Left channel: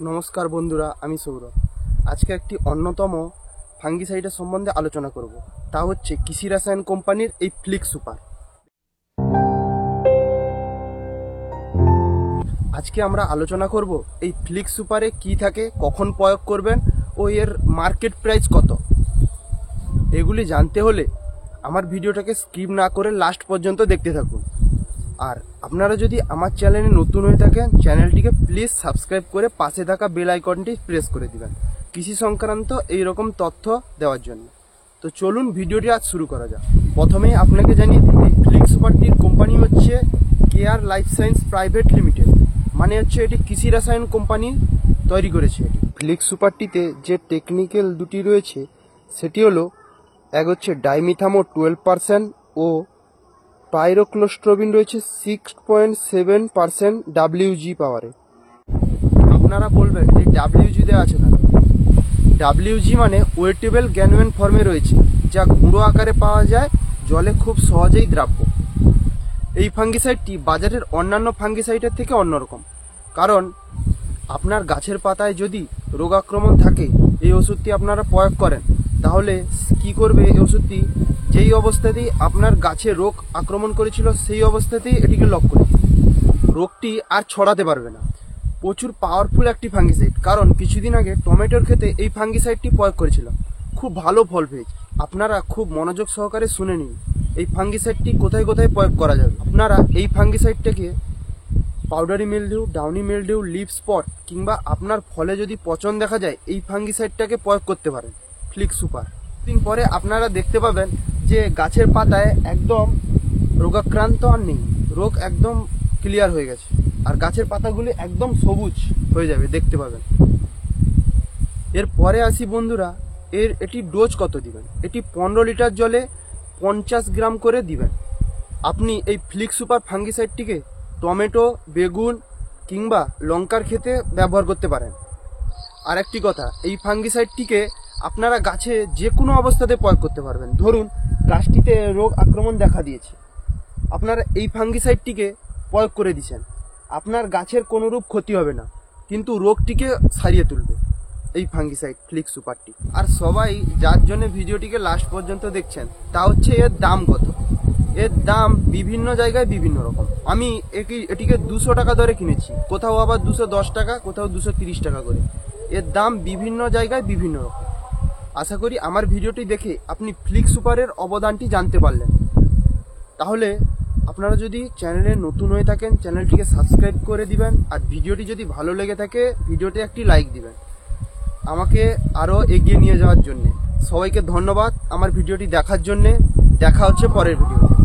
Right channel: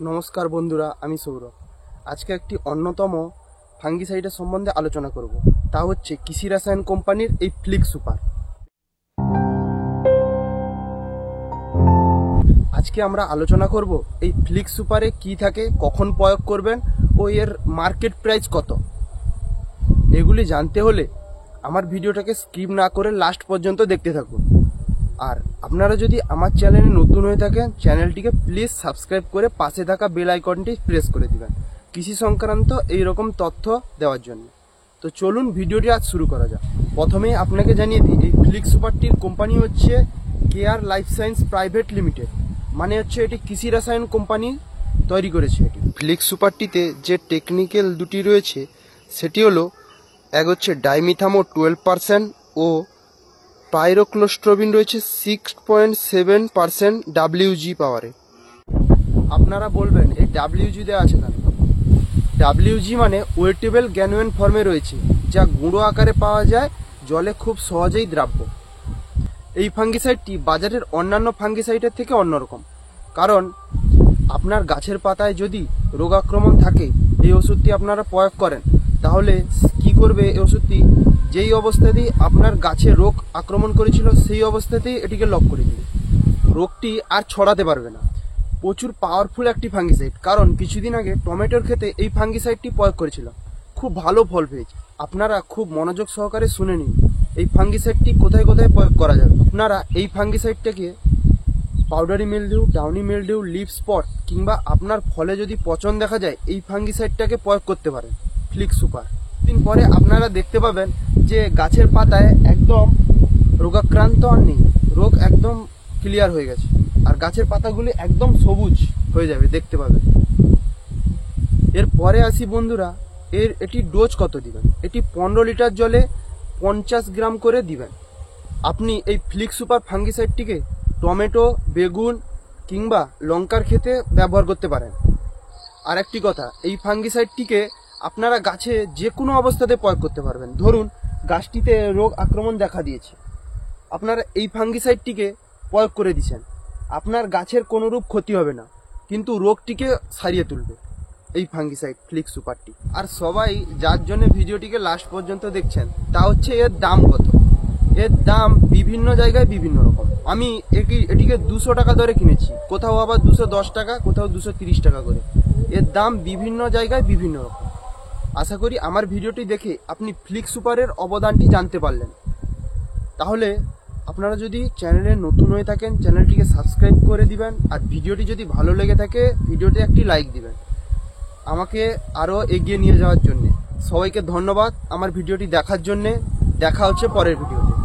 नमस्कार बंधुरा आमी सौरभ आज के एक अन्यतम फांगिसाइड सम्बन्धे आलोचना करब ता होच्छे कृषि रसायन कोम्पानिर এই फ्लिक्स सुपार। आज के आमरा आलोचना करब এই फ्लिक्स सुपारे की थाके कखन प्रयोग करबेन ओ एर मार्केट प्राइस कत। एगुली जानते होले आमार भिडियोटाके स्किप ना करे लास्ट पर्यन्त देखते थाकुन। और आपनारा यदि आमार चैनेले नतून हये थाकेन चैनलटिके प्लिज सबस्क्राइब करे पाशे थाका बेल आइकनटी प्रेस करे दिबेन कृषि संक्रांत एई रकम तथ्य देওয়ার জন্য। तो चलुन भिडियोटी आज शुरू करा जाक। प्रथमेই आपनाके जानिয়ে दिই এই फ्लिक्स सुपारটির কোম্পানি হচ্ছে care life science private limited, মানে হচ্ছে এটি কৃষি রসায়ন কোম্পানি তৈরি করেছে। এটি ফ্লিক্স সুপারটিতে যে টেকনিক্যাল দুটি রয়েছে সেটি হলো এক হচ্ছে ডাইমিথামো 12% ও পাইরোক্লোস্ট্রবিন রয়েছে 6.7% WG পাওয়ারে। আপনারা বলবেন এই WG দেওয়া আছে কেন? WG মানে ওয়েটেবল গ্যানুয়েন ফর্মে রয়েছে, যা গুঁড়ো আকারে পাওয়া যায়, জলে খুব সহজেই দ্রাব্য। এই ফাঙ্গিসাইডটি বাজারের অন্যান্য ফাঙ্গিসাইডের থেকে অন্যরকম, কারণ আপনার গাছের পাতায় যদি রোগাক্রমণ থাকে এই ওষুধটি আপনারা প্রয়োগ করেন, তাহলে কি করবে এই ওষুধটি যেই অবস্থাতেই আপনার গাছে রোগ আক্রমণ করেছিল সেই অবস্থাতেই এটিকে লক করে দিবে, রোগটি আর ছড়াতে পারবে না। প্রচুর পাওয়ারফুল একটি ফাঙ্গিসাইড, কারণ কিছুদিন আগে টমেটোর ক্ষেতে এই ফাঙ্গিসাইডটি প্রয়োগ করেছিল, খুব ভালো ফল পেয়েছে। আপনারা খুব মনোযোগ সহকারে শুনে নিন এই ফাঙ্গিসাইডটি কোথায় কোথায় প্রয়োগ করা যাবে। আপনারা এই ফাঙ্গিসাইডটাকে powdery mildew, downy mildew, leaf spot কিংবা আপনার ফলে যদি পচন দেখা যায় এই ফাঙ্গিসাইডটাকে প্রয়োগ করতে পারেন ফ্লিক্স সুপার। দিন পরে আপনারা দেখতে পাবেন যে গাছের পাতায় একদম রোগাক্রান্ত আর নেই, রোগ একদম ক্লিয়ার হয়ে গেছে আর গাছের পাতাগুলি একদম সবুজ হয়ে যাবে, দেখতে পাবেন। এরপরে আসি বন্ধুরা, এটি ডোজ কত দিবেন। এটি 15 লিটার জলে 50 গ্রাম করে দিবেন। আপনি এই ফ্লিক্স সুপার ফাঙ্গিসাইডটিকে টমেটো, বেগুন কিংবা লঙ্কার ক্ষেতে ব্যবহার করতে পারেন। আর একটি কথা, এই ফাঙ্গিসাইডটিকে আপনারা গাছে যে কোনো অবস্থাতে প্রয়োগ করতে পারবেন। ধরুন গাছটিতে রোগ আক্রমণ দেখা দিয়েছে, আপনারা এই ফাঙ্গিসাইডটিকে প্রয়োগ করে দিয়েছেন, আপনার গাছের কোনোরূপ ক্ষতি হবে না, কিন্তু রোগটিকে সারিয়ে তুলবে এই ফাঙ্গিসাইড ফ্লিক্স সুপারটি। আর সবাই যার জন্য ভিডিওটিকে লাস্ট পর্যন্ত দেখছেন তা হচ্ছে এর দাম কত। এর দাম বিভিন্ন জায়গায় বিভিন্ন রকম। আমি এটিকে 200 টাকা দরে কিনেছি, কোথাও আবার 210 টাকা, কোথাও 230 টাকা করে। এর দাম বিভিন্ন জায়গায় বিভিন্ন রকম। আশা করি আমার ভিডিওটি দেখে আপনি ফ্লিক্স সুপারের অবদানটি জানতে পারলেন। তাহলে আপনারা যদি চ্যানেলে নতুন হয়ে থাকেন চ্যানেলটিকে সাবস্ক্রাইব করে দিবেন, আর ভিডিওটি যদি ভালো লেগে থাকে ভিডিওতে একটি লাইক দিবেন আমাকে আরও এগিয়ে নিয়ে যাওয়ার জন্যে। সবাইকে ধন্যবাদ আমার ভিডিওটি দেখার জন্যে। দেখা হচ্ছে পরের ভিডিওতে।